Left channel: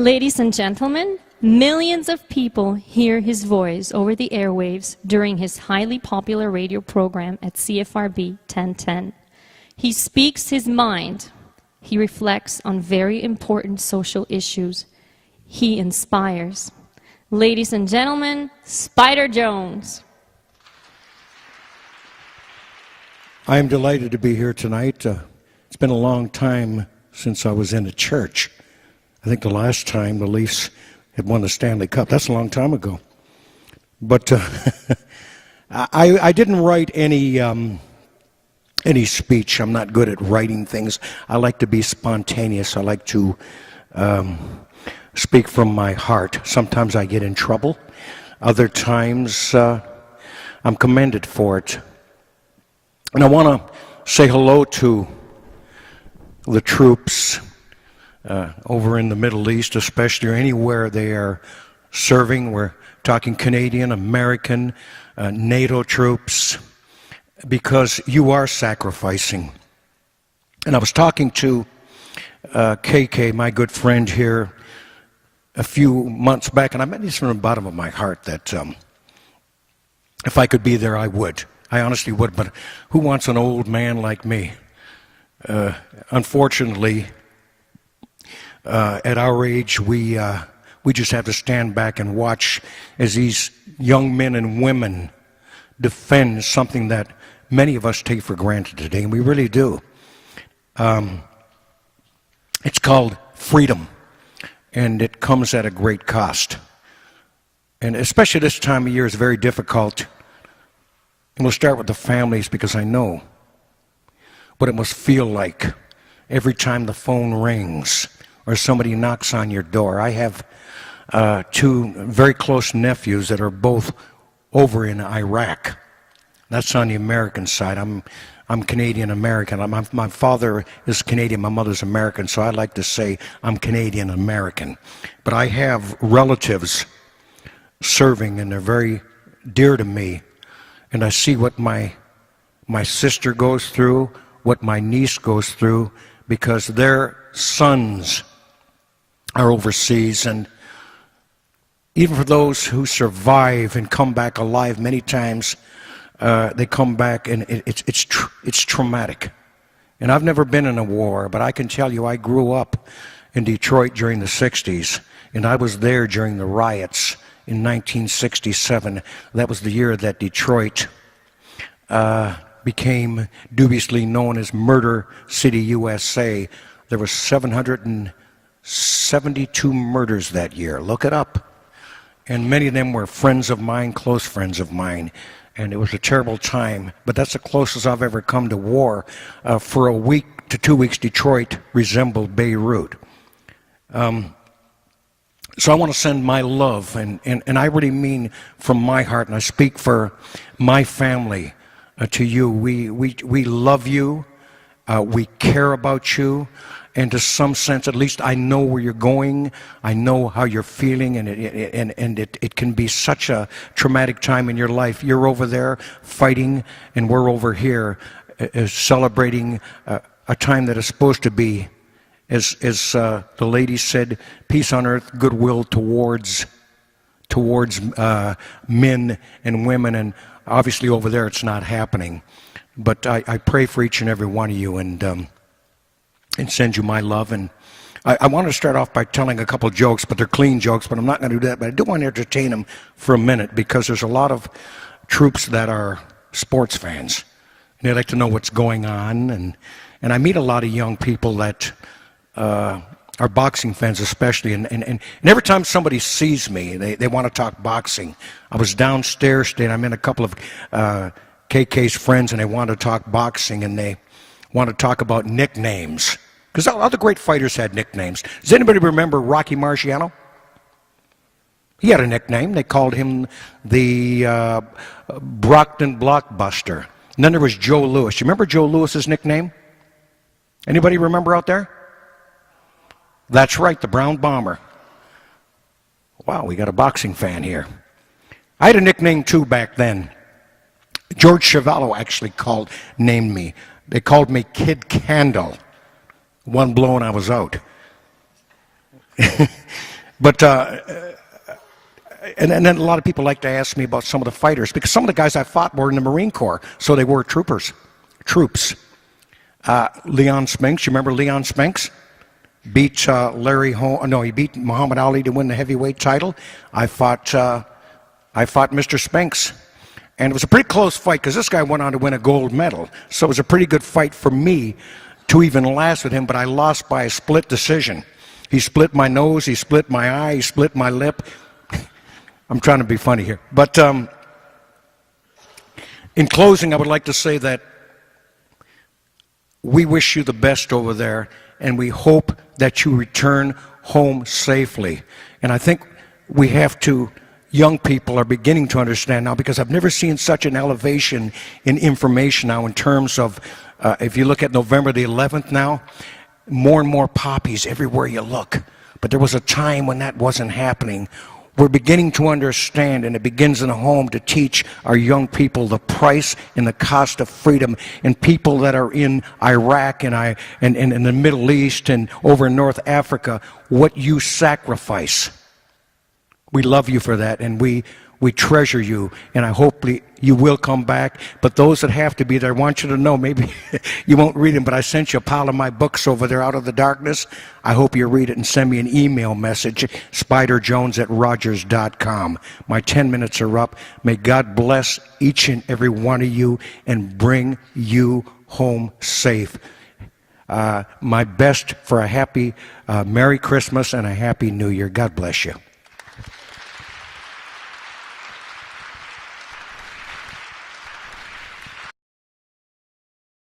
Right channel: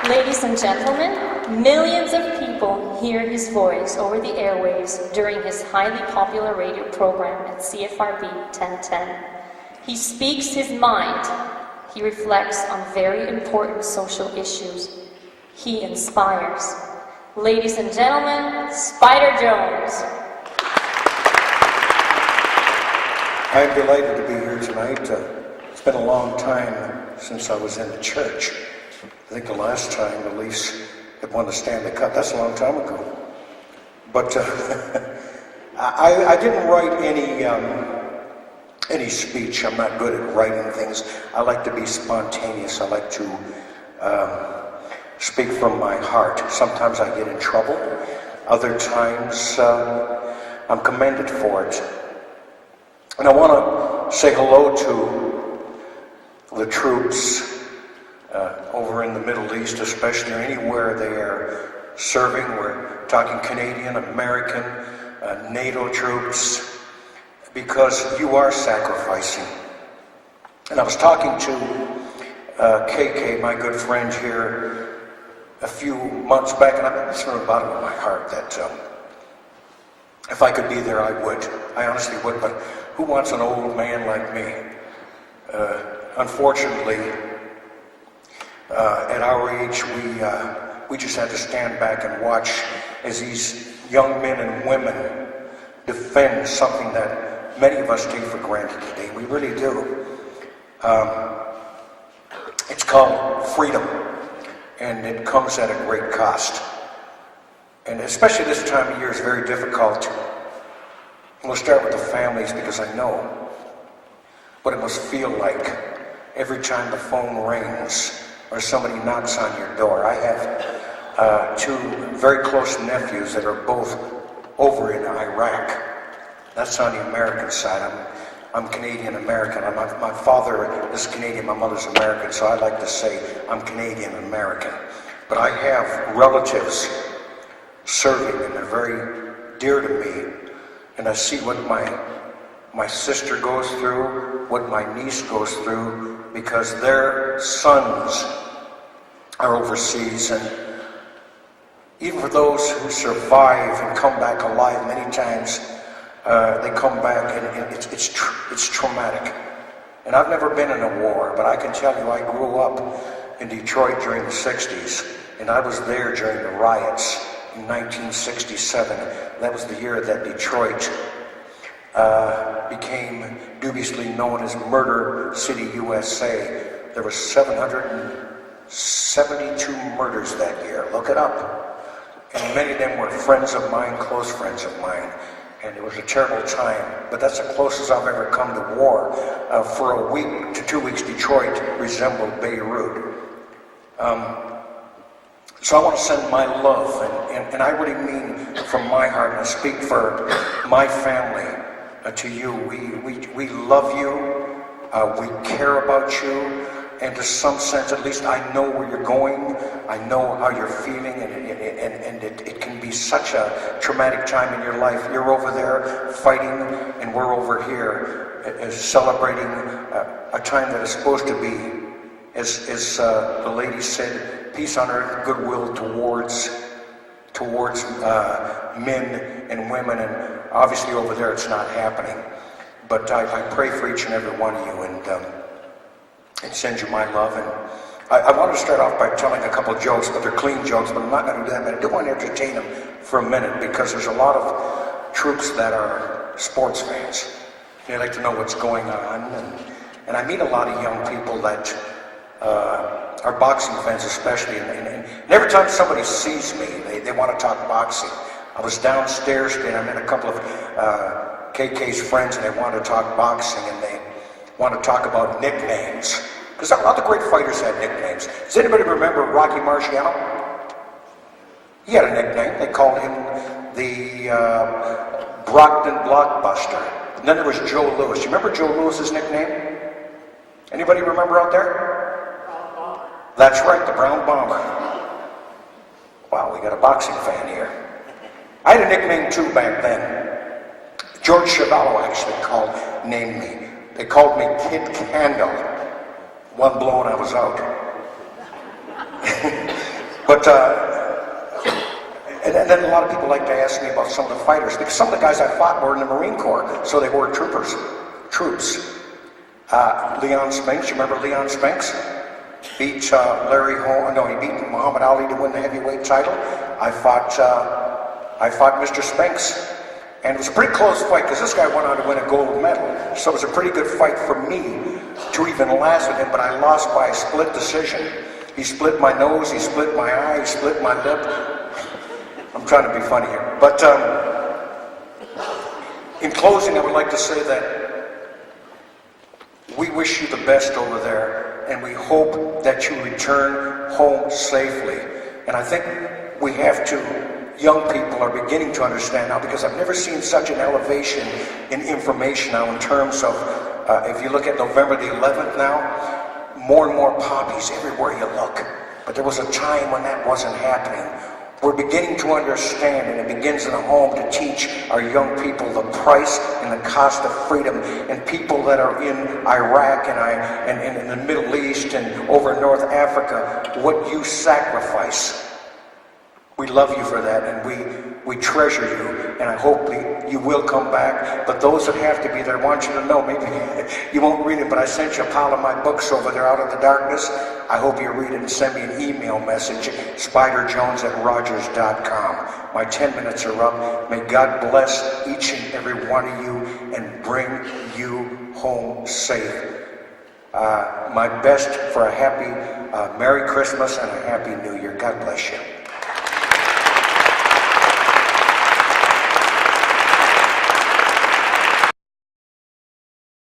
Ladies and gentlemen, millions of people hear his voice over the airwaves during his highly popular radio program at CFRB 1010. He speaks his mind. He reflects on very important social issues. He inspires. Ladies and gentlemen, Spider Jones. I am delighted to be here tonight. It's been a long time since I was in the church. I think the last time the Leafs had won the Stanley Cup. That's a long time ago. But I didn't write any speech. I'm not good at writing things. I like to be spontaneous. I like to speak from my heart. Sometimes I get in trouble. Other times I'm commended for it. And I want to say hello to the troops over in the Middle East, especially anywhere they are serving. We're talking Canadian, American, NATO troops, because you are sacrificing. And I was talking to KK, my good friend here, a few months back, and I meant this from the bottom of my heart that if I could be there, I would. I honestly would, but who wants an old man like me? Unfortunately, at our age, we just have to stand back and watch as these young men and women defend something that many of us take for granted today, and we really do. It's called freedom, and it comes at a great cost. And especially this time of year is very difficult. And we'll start with the families, because I know what it must feel like every time the phone rings or somebody knocks on your door. I have two very close nephews that are both over in Iraq. That's on the American side. I'm Canadian-American. My father is Canadian, my mother's American, so I like to say I'm Canadian-American. But I have relatives serving, and they're very dear to me. And I see what my sister goes through, what my niece goes through, because their sons are overseas. And even for those who survive and come back alive, many times they come back and it's traumatic. And I've never been in a war, but I can tell you I grew up in Detroit during the 60s, and I was there during the riots in 1967. That was the year that Detroit became dubiously known as Murder City, USA. There were 772 murders that year. Look it up. And many of them were friends of mine, close friends of mine. And it was a terrible time. But that's the closest I've ever come to war. For a week to 2 weeks, Detroit resembled Beirut. So I want to send my love, and I really mean from my heart, and I speak for my family to you. We love you, we care about you, and to some sense, at least I know where you're going, I know how you're feeling, and it can be such a traumatic time in your life. You're over there fighting, and we're over here celebrating a time that is supposed to be, as the lady said, peace on earth, goodwill towards men and women, and obviously over there it's not happening. But I pray for each and every one of you, and send you my love. And I want to start off by telling a couple of jokes, but they're clean jokes, but I'm not going to do that. But I do want to entertain them for a minute, because there's a lot of troops that are sports fans. They like to know what's going on, and I meet a lot of young people that are boxing fans especially, and every time somebody sees me, they want to talk boxing. I was downstairs today, and I met a couple of KK's friends, and they want to talk boxing, and they want to talk about nicknames, because all the great fighters had nicknames. Does anybody remember Rocky Marciano? He had a nickname. They called him the Brockton Blockbuster. And then there was Joe Louis. You remember Joe Louis's nickname? Anybody remember out there? That's right, the Brown Bomber. Wow, we got a boxing fan here. I had a nickname too back then. George Chevalo actually named me. They called me Kid Candle. One blow and I was out. But, and then a lot of people like to ask me about some of the fighters, because some of the guys I fought were in the Marine Corps, so they were troops. Leon Spinks, you remember Leon Spinks? Beat he beat Muhammad Ali to win the heavyweight title. I fought Mr. Spinks. And it was a pretty close fight, because this guy went on to win a gold medal. So it was a pretty good fight for me to even last with him, but I lost by a split decision. He split my nose, he split my eye, he split my lip. I'm trying to be funny here. But in closing, I would like to say that we wish you the best over there, and we hope that you return home safely. And I think we have to, young people are beginning to understand now, because I've never seen such an elevation in information now in terms of, if you look at November the 11th now, more and more poppies everywhere you look. But there was a time when that wasn't happening. We're beginning to understand, and it begins in the home, to teach our young people the price and the cost of freedom. And people that are in Iraq and in the Middle East and over in North Africa, what you sacrifice. We love you for that, and we treasure you, and I hope you will come back. But those that have to be there, I want you to know, maybe you won't read them, but I sent you a pile of my books over there, Out of the Darkness. I hope you read it and send me an email message, spiderjones@rogers.com. My 10 minutes are up. May God bless each and every one of you and bring you home safe. My best for a happy Merry Christmas and a Happy New Year. God bless you.